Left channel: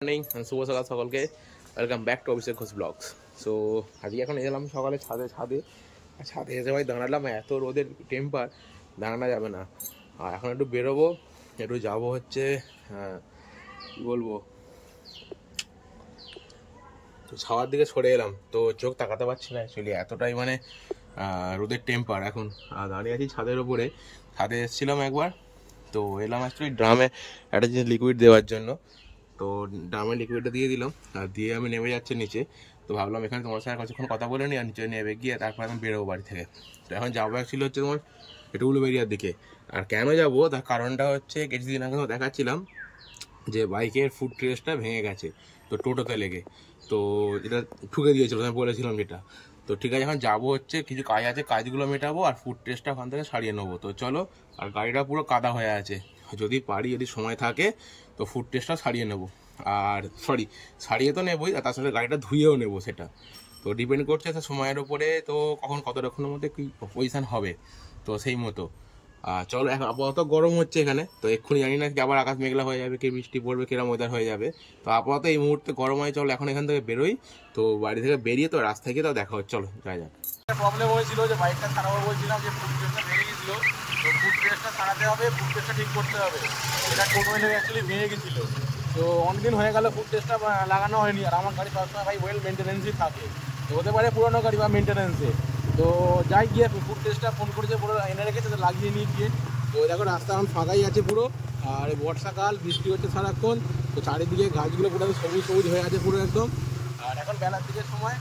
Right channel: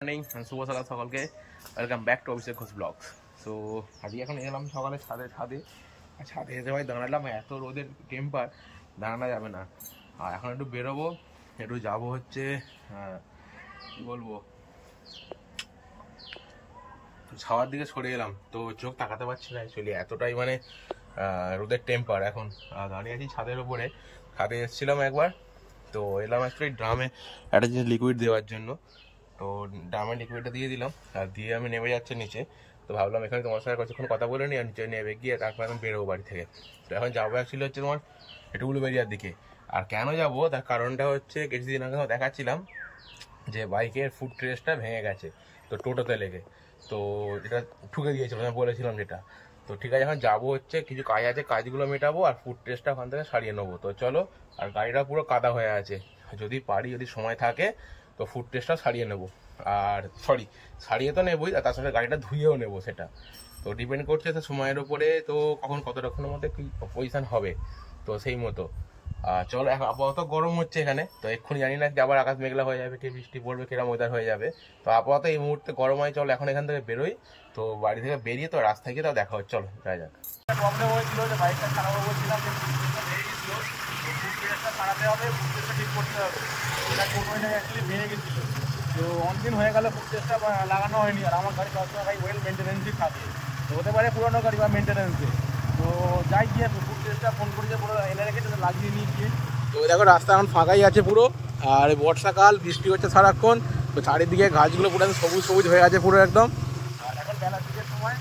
Morning শুভ সকাল সকলকে welcome back to Abhishek Ghosh blogs. So আজকে এখন এলাম সকালে ছাদে এসে ভাই দাঁড়ালাম, এত রোদের টেম্পার দাঁড়ানো যাবে না। আর এখন একটু বেরোবো, একটু যাবো হচ্ছে কী বলবো, তো ছাওয়ার দিকে সরে এলাম, তো চোখ তাকাতে পারছি না অ্যাকচুয়ালি, এতটাই মানে রোদের টেম্পার। এখন দাঁড়িয়ে আছি ছাদের উপরে, ছাদে এসেছিলাম একবার, তো এলাম অ্যাকচুয়ালি ড্রামে একটা জিনিস লিকুইড দেওয়ার জন্য। তো ড্রামে লিকুইডটা দিয়ে দিলাম, আর দিয়ে আমি নেমে যাচ্ছি নিচে। তো ভাবলাম এখানে তোমার সঙ্গে কিছুক্ষণ কথা বলে নিই, আর নিচে নেমে গিয়ে তারপর আমি বেরোবো বাড়ি থেকে। তো এখন যাবো অ্যাকচুয়ালি হচ্ছে তোমার একটু উলুবেরিয়ার দিকে। আর কেন যাবো তার কারণটা হচ্ছে, কিছুদিন আগে দেখাচ্ছিলাম যে বাইকের ফুট ট্রেসটা ভেঙে গেছে, তো টোটোতে লেগে, তো যেটা ঠুকে দিয়েছিল আমি বলেছিলাম যেটা। তো ঠিক আছে, এখন যাবো হচ্ছে কিছু কাজ আছে, কাজগুলো মেটাবো আর ফুট ট্রেসটা ওখান থেকে সারিয়ে নেবো। তো চলো, আর গাড়িটা পুরো কাদা হয়ে আছে, যদি পারি যদি সময় থাকে তো ফুট টেস্টটা সারিয়ে নেবো। আর সারিয়ে তো নেবোই, আর তার সাথে গাড়িটা ধুয়েও নেবো, সেটা তো ডিপেন্ড করছে সময়ের ওপরে, তো কখন কতক্ষণের মধ্যে কী পজিশান হবে, তো সেই মতো। চলো, এখন আপাতত গরম হচ্ছে এখানে, তো এক্ষুনি জানি না কি আবার আকাশ মেঘলা হয়ে যাবে, কি বৃষ্টি পড়বে, কিরম ওয়েদার হয়ে যাবে। তো আপাতত এই মুহূর্তে গরম হয়, চলো এখন এখান থেকে বেরোই। তো বাড়ি থেকে বেরিয়ে তো রাস্তায় গিয়ে তাও দেখা হচ্ছে, চলো যাই যাক। প্রবলেম হয়েছিল যে বাইকটা সারাবো বলছিলাম, যে ফুট প্রেসটা ভেঙে গেছিলো, তো ফুট প্রেসটা সারাতে হবে, ফুট প্রেসটা ঠিক করতে হবে। এটা টোটো এনে অ্যাকচুয়ালি ভেঙে গেছিলো, তো অনেকদিন হয়ে গেল ফুট প্রেসটা লাগানো হয়নি। আর আমার গাড়ি সবসময় ভাই ওয়েল মেনটেন্যান্সই থাকে, তো হতে পারে পুরোনো গাড়ি বা মেনটেন্যান্সে। তো যাই গিয়ে ফুট প্রেসটা ফোন করেছে, পুরো এনে রেখেছে, তো লাগিয়ে নিয়ে গিয়ে। তো দেখো রাস্তা এখন ফাঁকাই আছে পুরো, আর বর্ষাকাল, বৃষ্টি হচ্ছে সারাক্ষণ, তো চারিদিকে গাছগুলো পুরো সবুজ সবুজ হয়ে আছে পুরো একদম। আর এখন বেলার দিকের সময়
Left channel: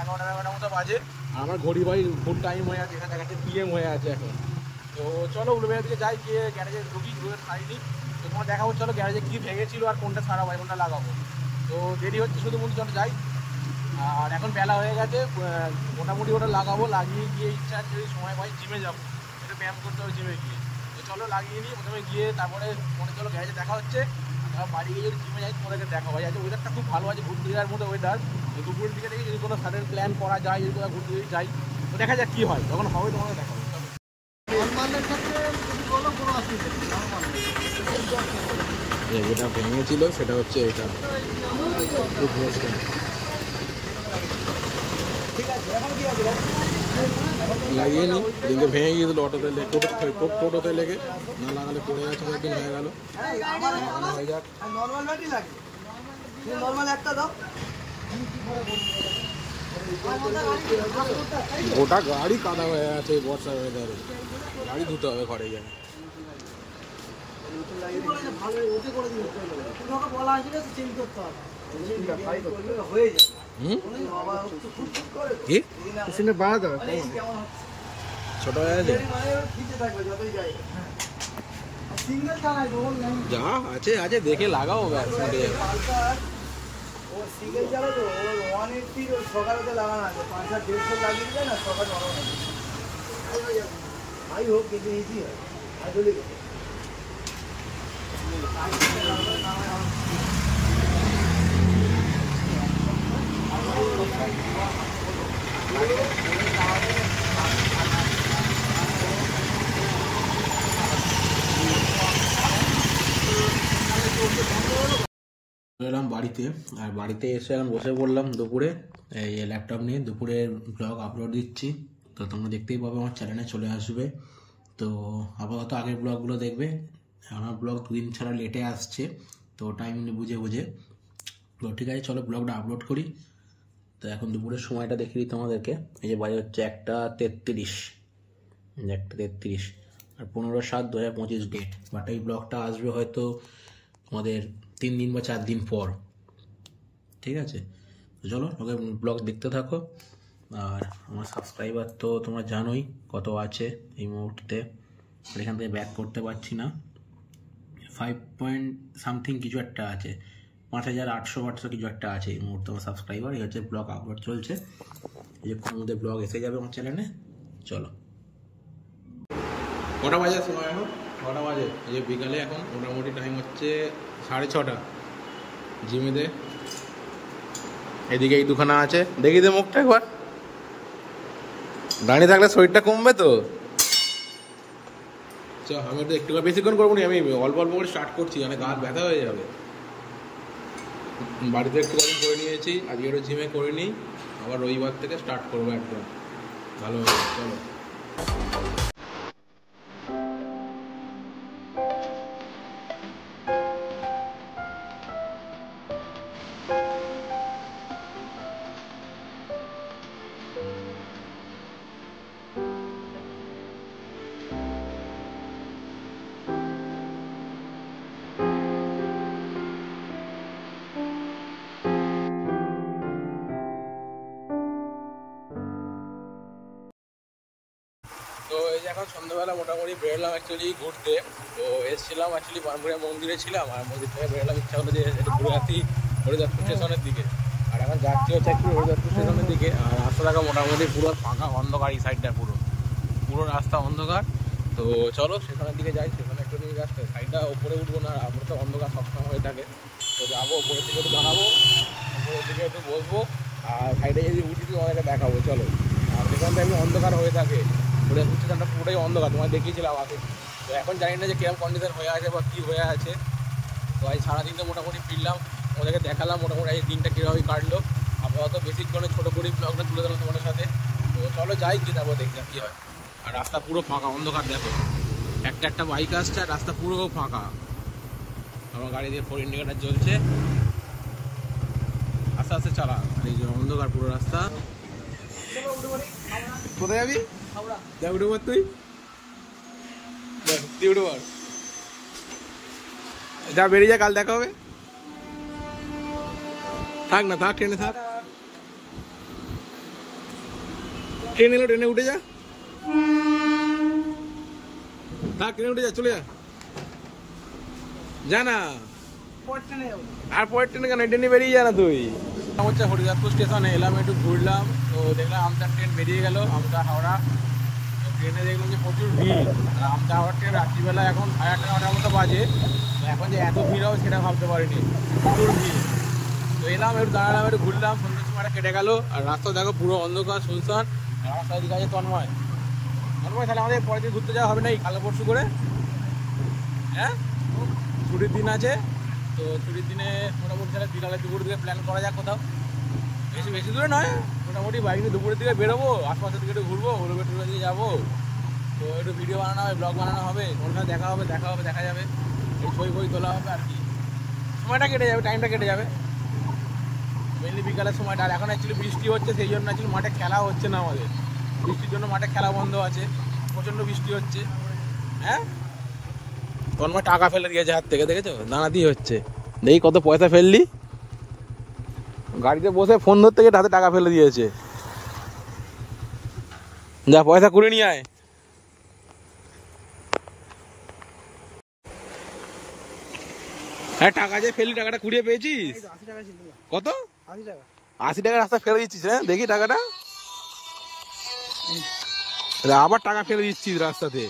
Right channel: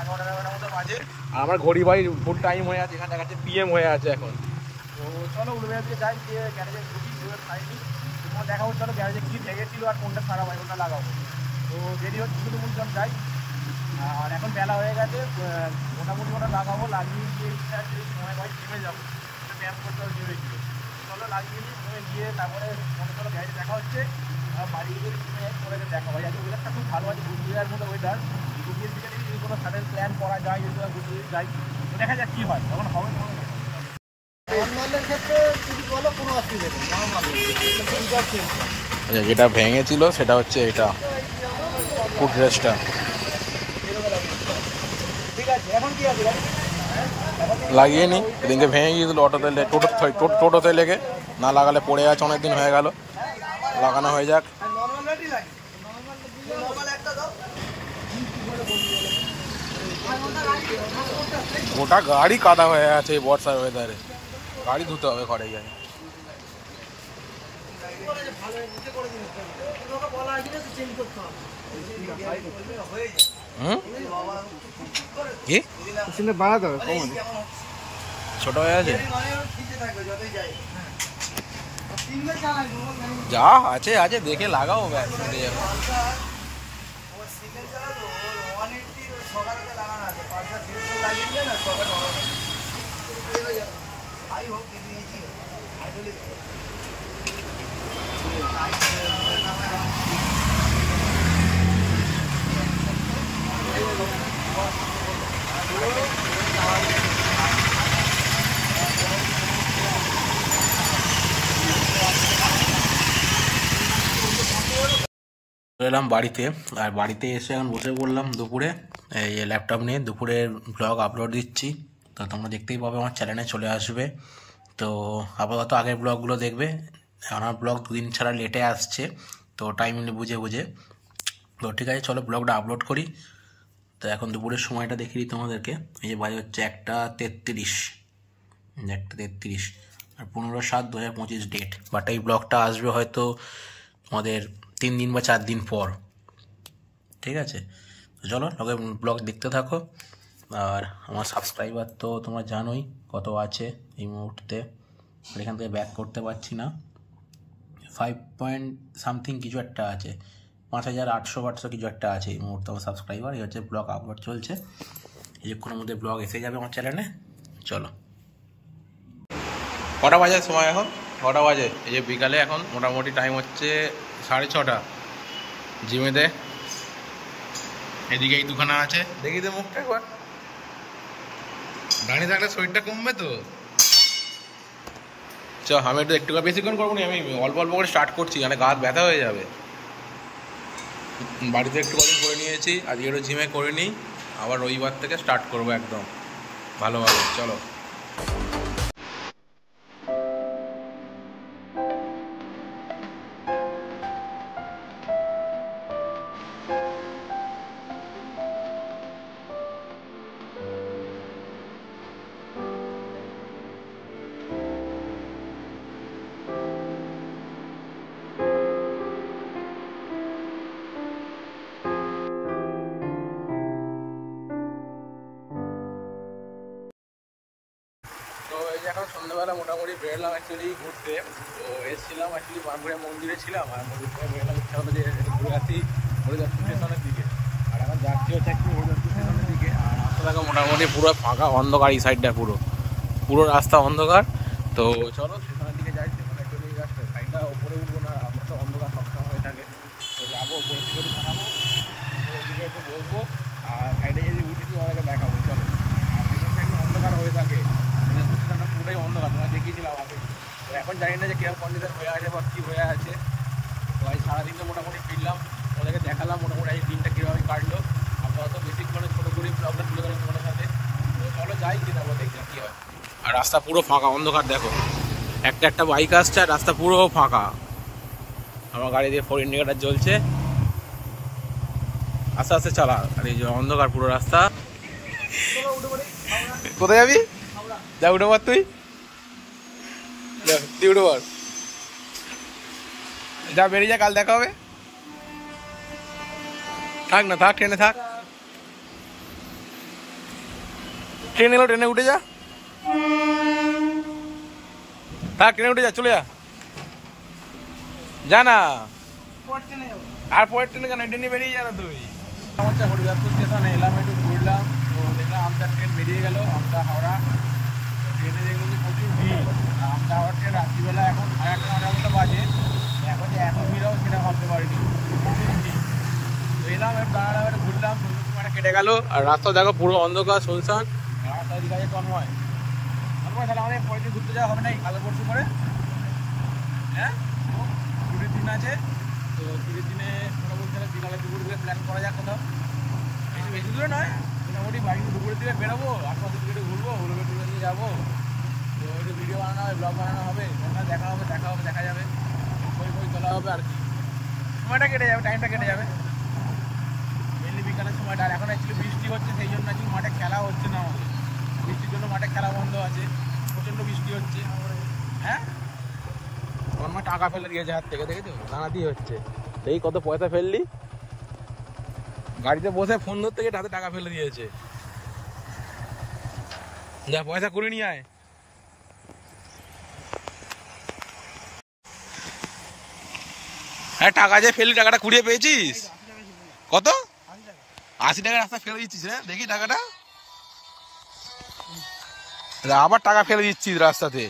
11টার মতো বাজে, আর আমার ঘড়ি ভাই ফুল টাইম হয়ে আছে, এখানে দেখাচ্ছে PM হয়ে আছে এখন। তো চলো উলুবেড়িয়ার দিকে যাই, গিয়ে গ্যারেজে ঢুকি, ঘুরে খাইনি। তো তোমার দেখা হচ্ছে চলো গ্যারেজে কী ভেঙেছিল আর কোনটা সারাবো, কোনটা লাগাবো। তো দেরি হচ্ছে শুধু বলি, চলো যাই। আর এখন বেলা হয়ে গেছে, মোটামুটি ওটা লাগাবো, লাগিয়ে গিয়ে ইচ্ছা আছে যদি সময় পাই জিমে যাবো, ওটা ব্যায়াম করতে হবে জিমে গিয়ে। তো চলো লাগিয়ে নিই প্রথমে গিয়ে, তারপরে মনে চলো গ্যারেজে দেখা হচ্ছে। বাড়ি গিয়ে জিমে যাই, পরে দেখা হয়। আজকে ওয়েদারটা খুব ভালো আছে, ঘুরতে যাওয়ার মতো ওয়েদার। দুপুর দিকে দেখি যদি কোনো সাডেন প্ল্যান করা যায়, যদি কোনো ঘুরতে যাই, তো দেখা যাক কী হয়, তখন হবে তোমাকে দেখা হবে। আচ্ছা, যেটা ভেঙেছিল সেটা হচ্ছে এটা ফুট রেস্টটা, লাগিয়ে নি। এদিনকে ভেঙে গিয়েছিল টোটোতে লেগে, না লাগালে পড়ে আছে, অনেকদিন হয়ে গেল, লাগানো হয়ে যাক। গোটা গাড়ি কাদা হয়ে আছে এই বর্ষার ওয়েদারে, গাড়ি ধুতে হবে ঘরে গিয়ে। ছোট হয়ে আছে, যা আছে আছে দেখে লাগাও, ব্যাস মিটে যাবে। এলাম বাড়িতে, আর বাড়িতে এসে এখন বসে পড়লাম দুপুরে, এই ল্যাপটপ নিয়ে দুপুরের ব্লগ আপলোড দিচ্ছি। তো তোমরা দেখতেই পাবে, আমার চ্যানেলে চলে আসবে। তো আপাতত আগের ব্লগগুলো দেখবে, আমার ব্লগ 2 দিন ছাড়া লেটে আসছে, তো টাইম বুঝে। তো ঠিক আছে, চলো ব্লগটা আপলোড করি। তো এখন দুপুরের সময়টা দেখিয়ে দিই তোমাদেরকে। এই যে বাজে হচ্ছে 1:33, আর 15/7/2025 ডেট। বাট এই ব্লগটা আসবে হয়তো তোমাদের 3 দিন বা 4 দিন পর, ঠিক আছে। তো চলো ব্লগ দেখতে থাকো। আর আমার সাবস্ক্রাইবার তো তোমরা জানোই কত আছে এই মুহূর্তে, এখান থেকে ব্যাক করতে পারছি না, 5 কিছু একটা আছে, 5800 কিছু একটা আছে এই মুহূর্তে আমার সাবস্ক্রাইবার। এই হচ্ছে ব্লগ আপলোড চলছে, কিছুক্ষণের মধ্যে ব্লগ এসে যাবে আমার চ্যানেলে। চলো, কটা বাজে সময় এখন? 6টা বাজে। এই যে বিকালে এখন মোটামুটি টাইম হচ্ছে 6:30। জিমেতে এদিকে এই দুখানা আছে, দেখি তো মুখটা একবার, দাঁড়িয়ে থাকলে শরীরটা কমবে তো। চ, আমি একটু বেশিক্ষণ করবো না, আমি অল্প অল্প করে স্টার্ট করছি, মানে গা ব্যথা হয়ে যাবে। বাড়িতে একটু কদিন করে নিয়েছি, আজকে একটু জিমে করে নিই, আবার রবিবার থেকে স্টার্ট করবো একদম ভালোভাবে। চলো। তো এই যে এখন সন্ধ্যাবেলা মোটামুটি বেরোলাম অ্যাকচুয়ালি ঘুরতে। তো এসেছিলাম অ্যাকচুয়ালি বানপুরিয়া মন্দিরে ছিলাম, আর মন্দির থেকে বেরোলাম, ইচ্ছা হলো যে একটু ঘুরে আসি হরিদাসপুর স্টেশনের দিকে। আর এখন যাচ্ছি হচ্ছে একটু হরিদাসপুর স্টেশনের দিকে। আর রাস্তা দেখা মোটামুটি পুরো ফাঁকা, অন্ধকার, এই সাইডটা পুরো পুরো রাস্তা অন্ধকার। তো চলো স্টেশনের দিকে যাই, সেখানে একটু নিয়ে যাচ্ছে সাইডটা ওপরে উঠবো না, আমরা তো অন্ধকার সবসময় হয়ে থাকে। তো যাবো ওপরের দিকে একটু জানাবো, ওপরের দিকে একটু বসবো, আর সাইডে যদি উঠি অনেকে দেখাবো। চলো। আর সেখানটা একটু অন্ধকার হয়ে থাকে, স্টেশনটা পুরোটাই অন্ধকার, তোমায় দেখিয়েছিলাম আগে। তো এখন জানি না যে কিরকম কন্ডিশন হয়ে আছে বা কী হয়ে আছে। তো এই সারাদিনটা মোটামুটি ফিরলাম, ওদেরকে দেখালাম মোটামুটি এই দিনটা কীভাবে কাটলো। আপাতত বেশিক্ষণে ছোটো করে ব্লগটা তুলে দিলাম তোমাদের সাথে। তো চলো যাই, কি যাবো দেখলাম কী হয়। আর রাস্তা পুরো ফাঁকা, অন্ধকার দেখো, একটা একটা বাইক আসছে আর রাস্তা পুরো ফাঁকা। আমার গাড়ি দিয়ে 4 ইন্ডিকেটার জ্বলছে, আস্তে আস্তে চালা। আর এই যে অন্ধকার পুরো রাস্তা। কোথায় যাবি? যা উঠে পর, তুই উঠে পর, যা বেরিয়ে যা, কাল দেখা হবে। থাক না, থাক, ট্রেনে থাক, ট্রেন এলো, ট্রেনে উঠে যা, থাক, ট্রেনে উঠে যা, চলে যা, যা না। আর পরের ট্রেনে কেন, ট্রেনে বেরিয়ে যা না তুই। হচ্ছে হরিদাসপুর স্টেশনে এলাম, একটু ঘুরলাম। তো দেখলাম আমটা ট্রেন বেরিয়ে গেল, আমটা হাওড়া। ট্রেনে দেখলাম যে প্রচুর ভিড়। আর আমটা হাওড়া ট্রেন রাত্রিবেলা এখন 8:30-9টার মতো বাজে। এখন যে এত ভিড় হবে সেটা ভাবতে পারিনি, প্রচুর ভিড়। তো এলাম, একটু দাঁড়ালাম, একটু ঘুরলাম, সন্ধ্যের সময়টা কেটে গেল। আর রাস্তা দেখো পুরো অন্ধকার, শুনশান। রাস্তা দিকে আছে তন্ময়। তন্ময়, তাহলে আমাদের পরের দিন ঘুরতে যাওয়া হবে না, এই কালো পরশু করে? হ্যাঁ, ছুটির দিন আছে। তো ছুটির দিনে মোটামুটি তাহলে বিকালের দুপুরের দিকে প্ল্যান করা যাক কোথাও। বেশি বেশি দূরে নয়, মোটামুটি বাইক নিয়ে দুপুরের দিকে বেরোবো, আশপাশের দিকে একটু ঘুরবো, ঘুরবে টুরবে দিয়ে যাবো। তো একটু ভিডিও বানানো হবে, ব্লগ বানানো হবে, কোনটা দেখা হবে, দেখা যাবে, ওই ছবি ফই তোলা হবে আর কি। সময়টা কেটে যাবে, টাইমটা কেটে যাবে মেনলি বিকালের সময়টা। আর এখন অ্যাকচুয়ালি বৃষ্টি হচ্ছে, সেই জন্য অ্যাকচুয়ালি মাঠে খেলা হচ্ছে না আমাদের। বৃষ্টির জন্য মাঠে খেলা বন্ধ আছে, প্রচণ্ড বৃষ্টি হচ্ছে। হ্যাঁ, তন্ময় টাকা ফেলে দিয়েছে হাত থেকে, দেখেছো? দাঁড়াতেই হচ্ছে। দেখি কত পয়সা ফেললি। গাড়িতে বসে ফোন ধরতে গিয়ে হাতে টাকা ফেলে দিয়েছে। যা, পয়সা কুড়ে নিয়ে আয়। হ্যাঁ, টাকা যে ফেললি, টাকাটা কুড়িয়ে পেয়েছিস? কত? 80 টাকা রাস্তা ফেলে দিচ্ছিস? হ্যাঁ, দেখি টাকাটা। আবার টাকা ফেলে দিচ্ছিস রাস্তাতে।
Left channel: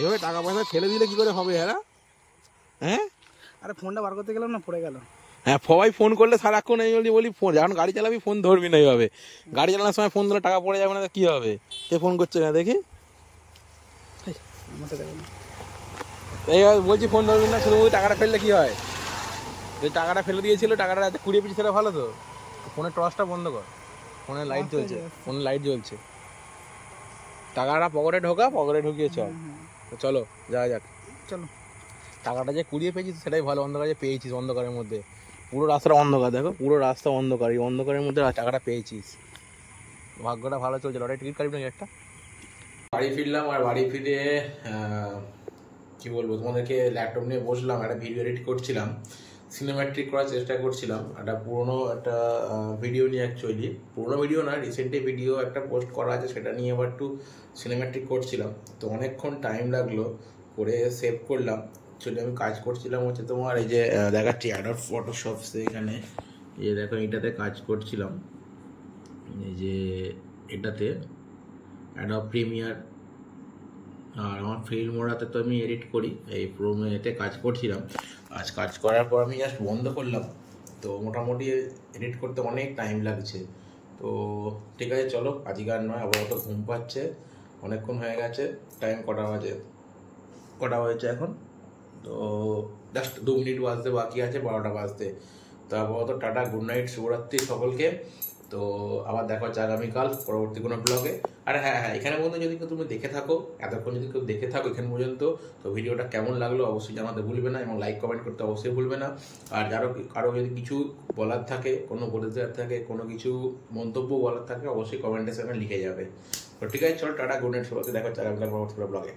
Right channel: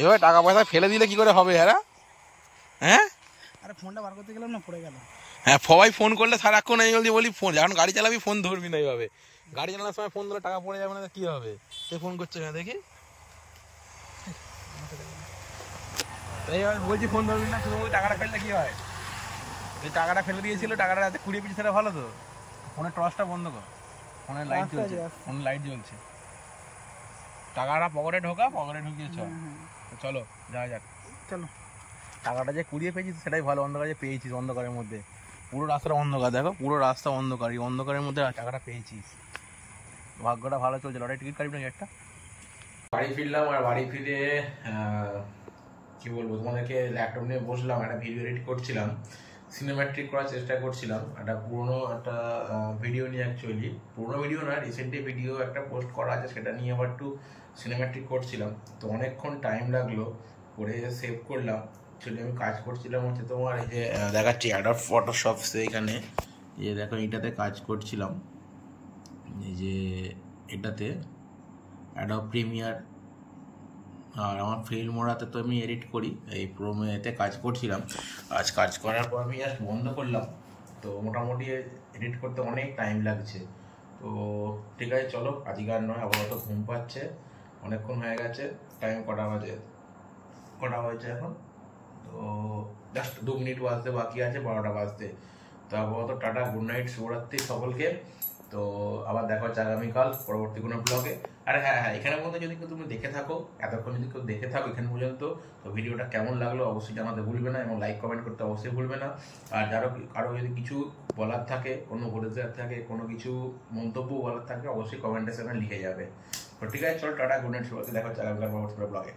এভাবে টাকা পয়সা ফেলে দিলে কি করে হবে? হ্যাঁ, আরে ফোনটা বার করতে গেলাম না, পড়ে গেল। হ্যাঁ, সবাই ফোন করলে সারাক্ষণ এই বলি ফোন, যখন গাড়ি চালাবি ফোন ধরবি না। এইভাবে গাড়ি চালানোর সময় ফোন ধরলে টাকা পড়ে যাবে না, কি হবে? কে ফোন করছে না দেখি? এইভাবে বলছি ফোন ধরবি না, শুধু টাকাটা ফেললে কি হয়? যে টাকাটা ফেলে দিয়েছিল, টাকাটা রাতে কুড়িয়ে পেয়েছি, সেটা ভালো তো। ফোনের টর্চটা বন্ধ কর, ফোনের লাইট জ্বলছে, ফোনের লাইট জ্বলছে। টাকাটা পকেটে ঢোকা, পকেটে ঢুকিয়ে চল। তো চলো যাওয়া যাক, চলো। টাকাটা যে কুড়িয়ে পেয়েছিস সেটাই ভালো, অন্ধকারে যে পেয়েছিস, অন্ধকারের মধ্যে পুরো রাস্তাটা অন্ধকার, দেখো পুরো রাস্তা অন্ধকার, এই অন্ধকারের মধ্যে টাকাটা পেয়েছিস, ভাগ্যটা ভালো চলছে। লটারি টিকিট কাটবি নাকি একটা? বাড়ি ফিরলাম, আর বাড়ি ফিরে কি বলবো তোমাদেরকে, ল্যাপটপ নিয়ে বসলাম, একটা ভিডিও এডিট করছিলাম, সিনেম্যাটিক করার চেষ্টা করছিলাম। একটা পুরোনো একটা ভিডিও নিয়ে, অ্যাকচুয়ালি পুরোনো ভিডিও না, রিসেন্টলি ভিডিও একটা পোস্ট করা আছে, সেটা নিয়ে আবার একটু সিনেম্যাটিক করছিলাম। তো অনেকক্ষণ টাইম লাগলো করে সেভ করলাম। অ্যাকচুয়ালি আমি কাজ করছিলাম হচ্ছে তোমার এই যে দেখাচ্ছি অ্যাডোব ফটোশপ, এখানে এই যে দেখো, এইটাতে কাজ করছিলাম, এই যে এটাতে অ্যাডোব প্রিমিয়ার। আর আমার ফিল্মোরাতে তো আমি এডিট করি, এই প্রোমেতে কাজ করছিলাম। আজ কাজ করার পর আমি জাস্ট বন্ধ করলাম। তো মোটামুটি এডিট করতে অনেক টাইম লাগছে। তো ঠিক আছে, চলো আজকে আর নয়, আপাতত ঘুম পাচ্ছে, অনেকক্ষণ হয়ে গেছে। টাইম কটা হয়েছে এখন? তো জাস্ট 2 মিনিট বাজতে বাকি আছে 12টা বাজতে। তো আপাতত টাটা, গুড নাইট, শুভরাত্রি সকলকে। তো আবার দেখা হচ্ছে আগামীকাল পরবর্তী কোনো ব্লগে। আর হ্যাঁ, এখানে পর্যন্ত যদি কেউ তুমি দেখে থাকো, এতক্ষণ যদি কেউ দেখে থাকো এখানে পর্যন্ত, তো ভিডিওটা কেমন লাগলো অবশ্যই জানাতে ভুলবে না, এবং লাইক কমেন্ট করতে অবশ্যই ভুলবে না। আর কারো যদি কিছু বলার থাকে, কোনো বলে দেওয়ার থাকে, কোনো কিছু মন্তব্য বলার থাকে, অবশ্যই কমেন্টের সেখানে লিখে যাবে। তো ঠিক আছে, চল টাটা, গুড নাইট, সবাইকে দেখা হচ্ছে আগামীকাল পরবর্তী ব্লগে।